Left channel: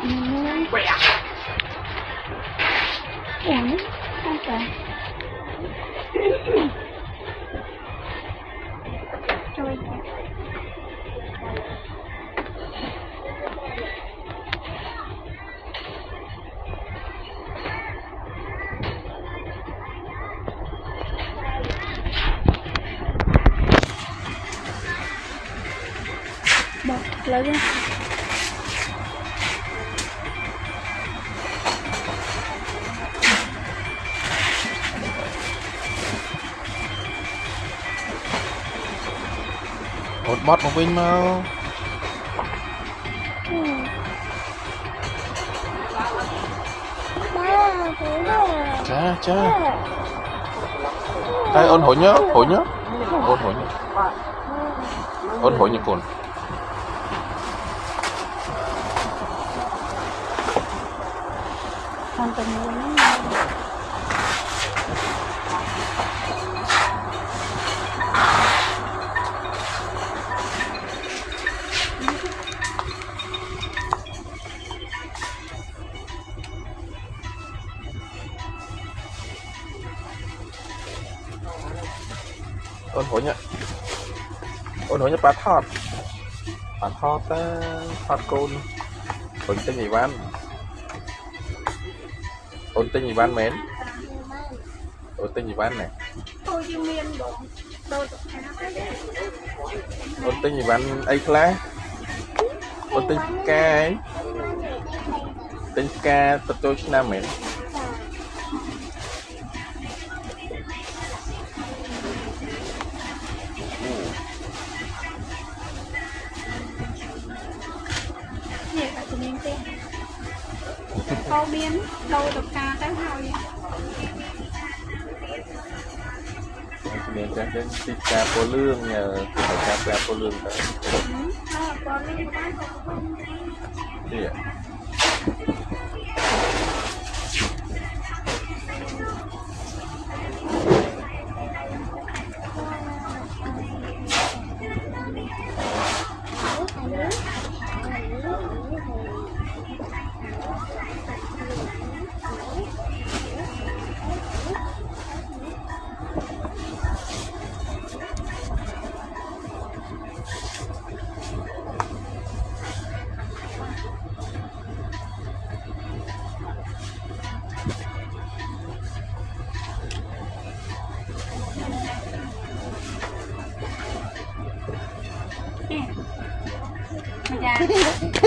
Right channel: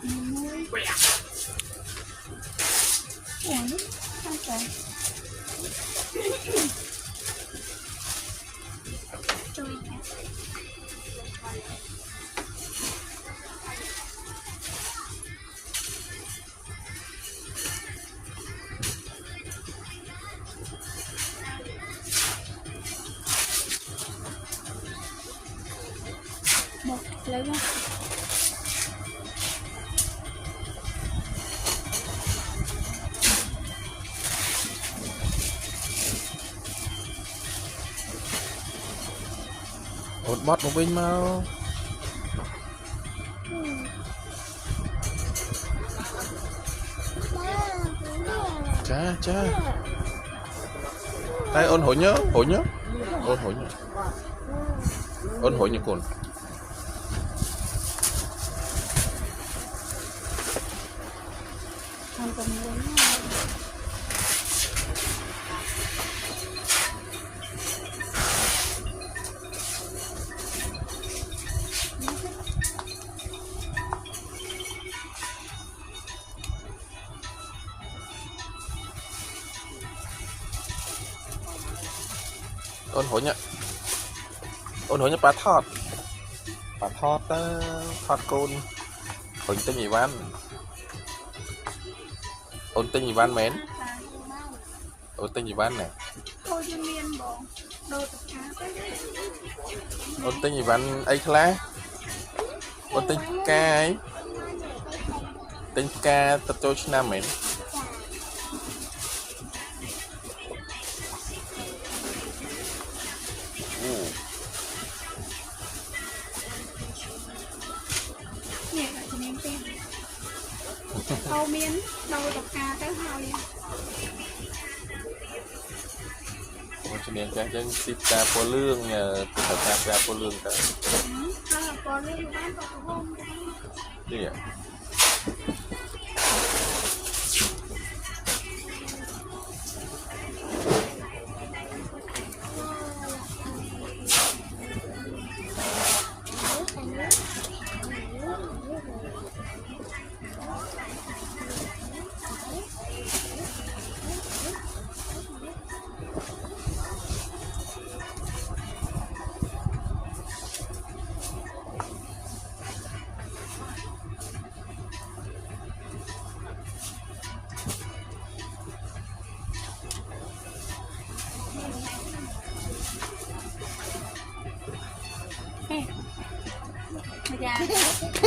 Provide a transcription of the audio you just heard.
Ủa, sao cả? Trôi kìa. Bật lớn lên. một mót một vinh mau cha cha đây ôn hội nhớ ôn hội như cồn Còn tầm nữa. ôn hội nhớ bà thọt thọt côn ôn tên gì văn ôn tên gì văn mến ôn tên gì văn này ôn tên gì văn ấy khá ôn tên ca ấy tên ca tập cho nam mến Câu miếng đâu tập ca tới hồi cho nên chắc chắn tiếp ca phố lương nhờ phải ca phố lương tới có lương của bác gì vậy